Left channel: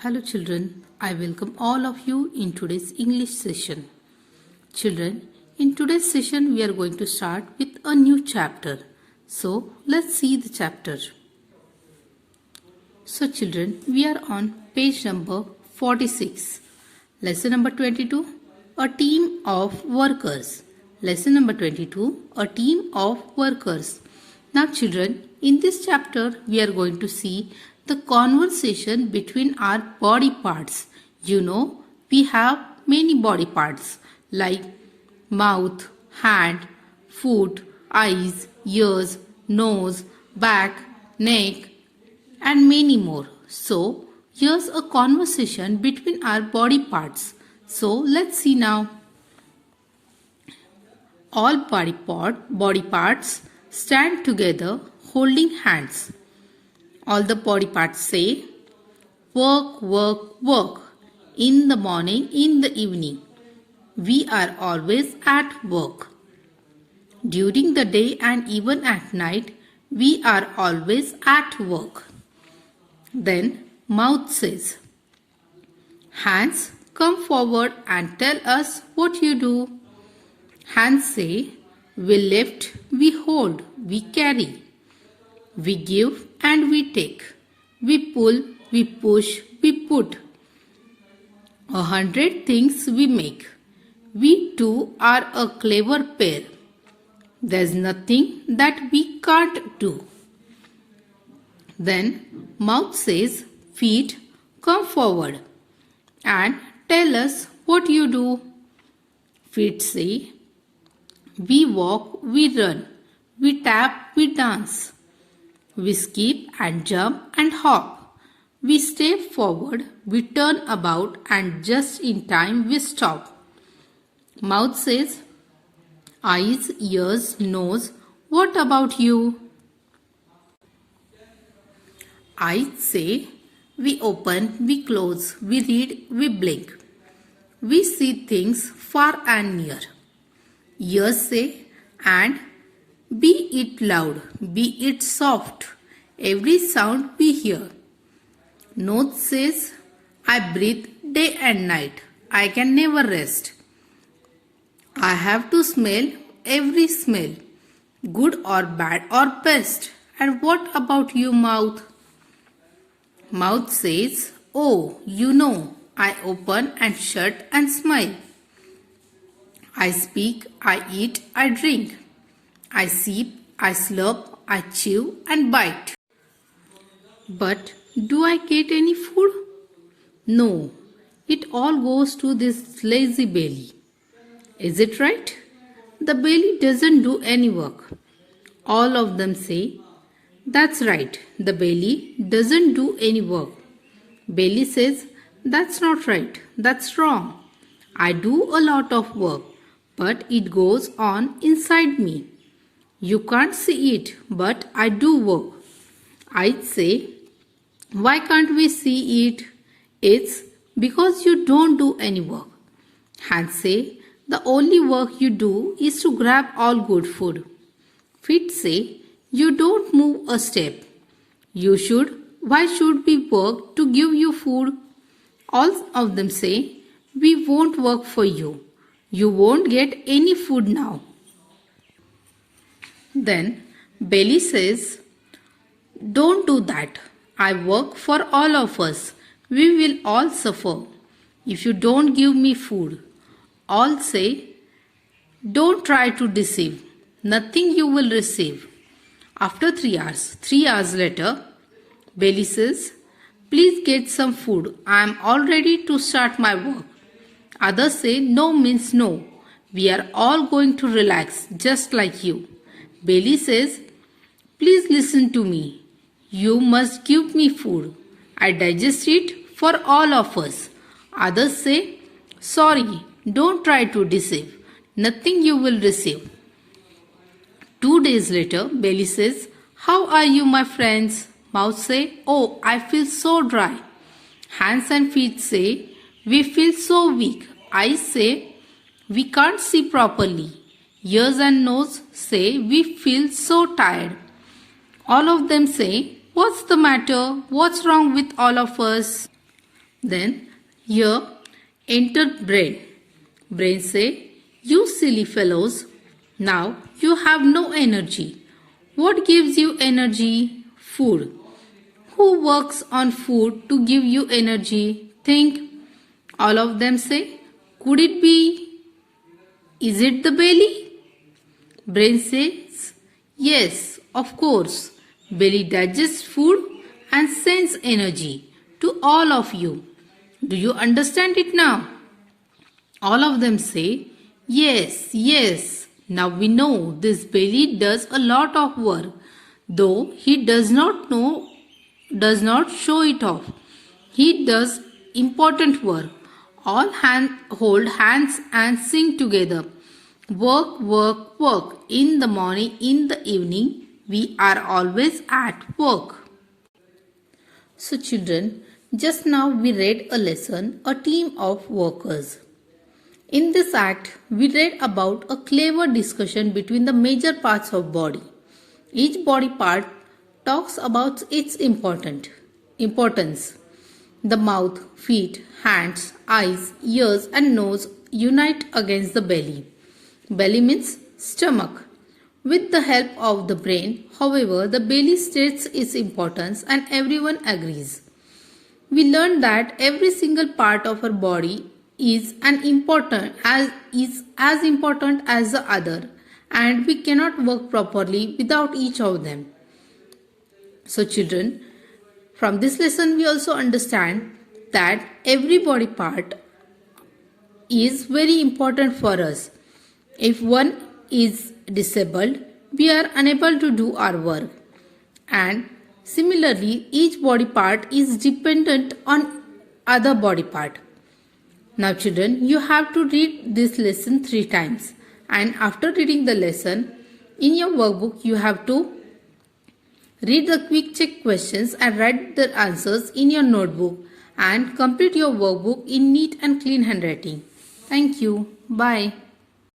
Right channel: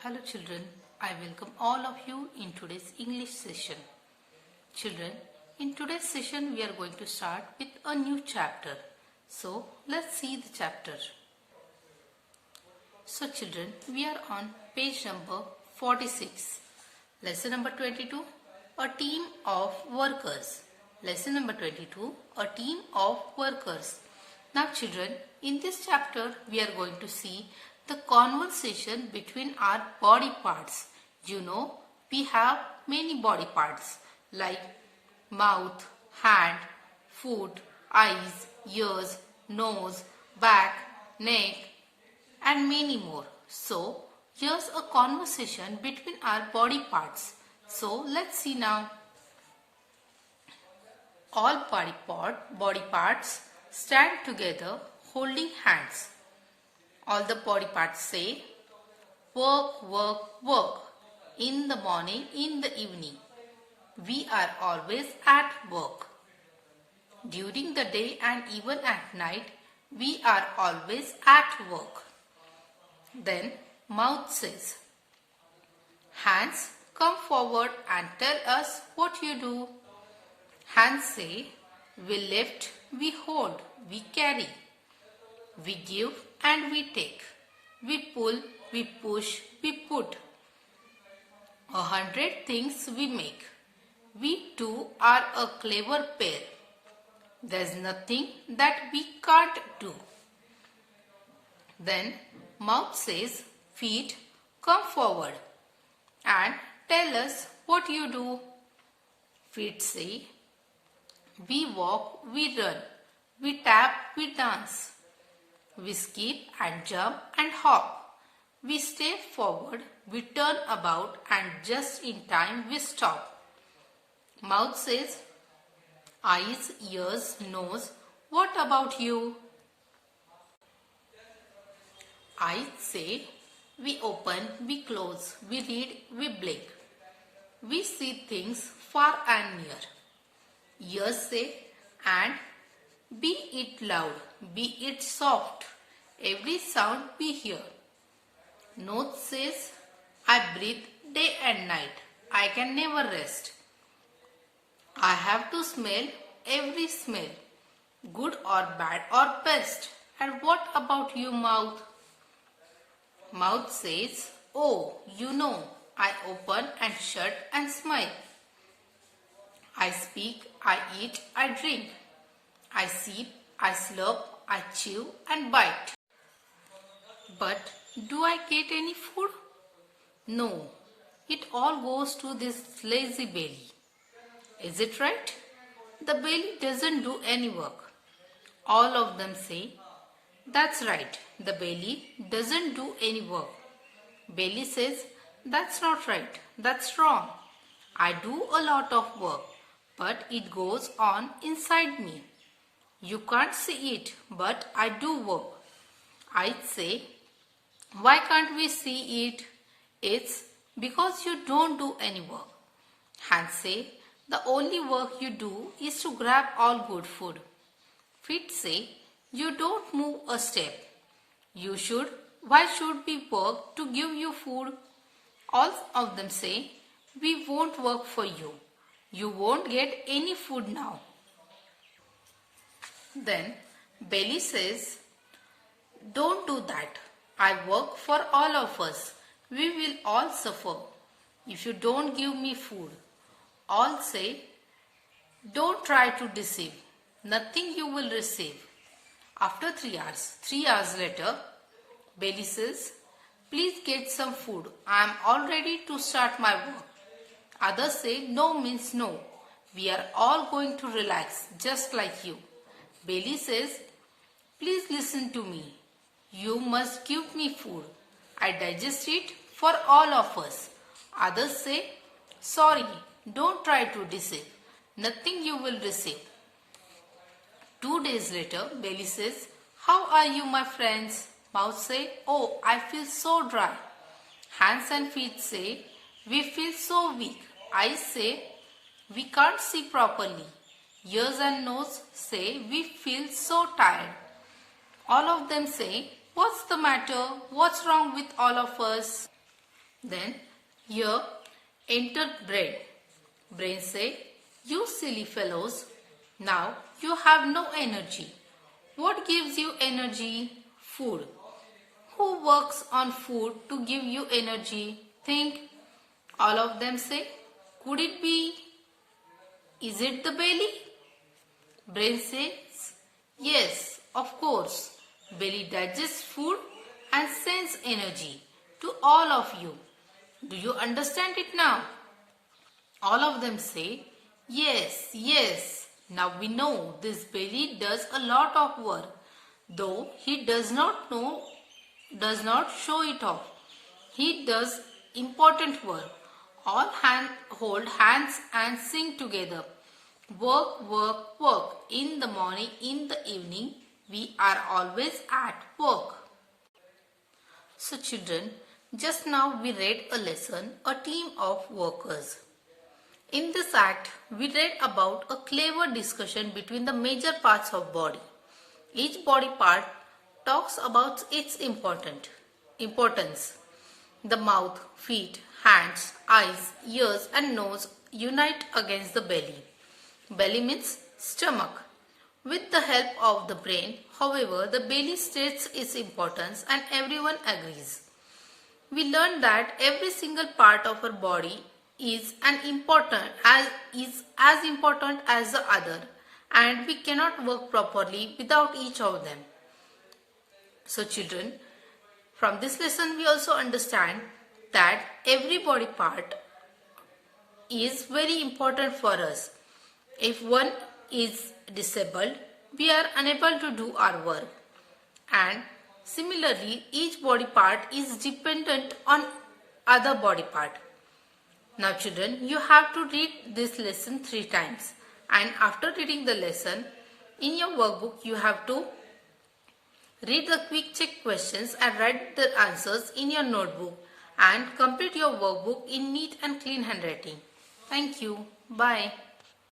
Hello children, I welcome all of you in today's English session. Children, in today's session we are going to start with a new chapter. So let's see the chapter. So children, we are on page number 46. Lesson number 22, a team of workers. Lesson number 22, a team of workers. Now children, in this chapter we are going to see the conversation between our body parts. You know, we have many body parts like mouth, hand, foot, eyes, ears, nose, back, neck, and many more. So, here's a conversation between our body parts. So, let's see now. All body parts stand together holding hands. All the body parts say, work, work, work. In the morning, in the evening. We are always at work. During the day and even at night, we are always at work. Then mouth says, hands, come forward and tell us what you do. Hands say, we lift, we hold, we carry. We give and we take. We pull, we push, we put. 100 things we make. We two are a clever pair. There's nothing that we can't do. Then mouth says, feet, come forward and tell us what you do. Feet say, we walk, we run, we tap, we dance. We skip and jump and hop. We step forward, we turn about and just in time we stop. Mouth says, eyes, ears, nose, what about you? Eyes say, we open, we close, we read, we blink. We see things far and near. Ears say, and be it loud, be it soft, every sound we hear. Nose says, I breathe day and night, I can never rest. I have to smell every smell, good or bad or best. And what about you, mouth? Mouth says, oh, you know, I open and shut and smile. I speak, I eat, I drink. I sip, I slurp, I chew and bite. But do I get any food? No, it all goes to this lazy belly. Is it right? The belly doesn't do any work. All of them say, that's right, the belly doesn't do any work. Belly says, that's not right, that's wrong. I do a lot of work, but it goes on inside me. You can't see it, but I do work. I say, why can't we see it? It's because you don't do any work. Hands say, the only work you do is to grab all good food. Feet say, you don't move a step. Why should we work to give you food? All of them say, we won't work for you. You won't get any food now. Then belly says, don't do that. I work for all of us. We will all suffer if you don't give me food. All say, don't try to deceive. Nothing you will receive. After 3 hours later, belly says, please get some food. I am all ready to start my work. Others say, no means no. We are all going to relax just like you. Belly says, please listen to me. You must give me food. I digest it for all of us. Others say, sorry, don't try to deceive. Nothing you will receive. 2 days later, belly says, how are you, my friends? Mouth say, oh, I feel so dry. Hands and feet say, we feel so weak. Eyes say, we can't see properly. Ears and nose say, we feel so tired. All of them say, what's the matter? What's wrong with all of us? Then here entered brain. Brain say, you silly fellows, now you have no energy. What gives you energy? Food. Who works on food to give you energy? Think. All of them say, could it be? Is it the belly? Brain says, yes, of course. Belly digests food and sends energy to all of you. Do you understand it now? All of them say, yes, yes. Now we know this belly does a lot of work, though he does not show it off. He does important work. All hold hands and sing together. Work, work, work. In the morning, in the evening, we are always at work. So children, just now we read a lesson, a team of workers. In this act, we read about a clever discussion between the major parts of body. Each body part talks about its importance. The mouth, feet, hands, eyes, ears and nose unite against the belly. Belly means stomach. With the help of the brain, however, the belly states its importance and everyone agrees. We learned that every single part of our body is as important as the other, and we cannot work properly without each of them. So children, from this lesson we also understand that every body part is very important for us. If one is disabled, we are unable to do our work. And similarly, each body part is dependent on other body part. Now children, you have to read this lesson 3 times. And after reading the lesson, in your workbook you have to read the quick check questions and write the answers in your notebook and complete your workbook in neat and clean handwriting. Thank you. Bye.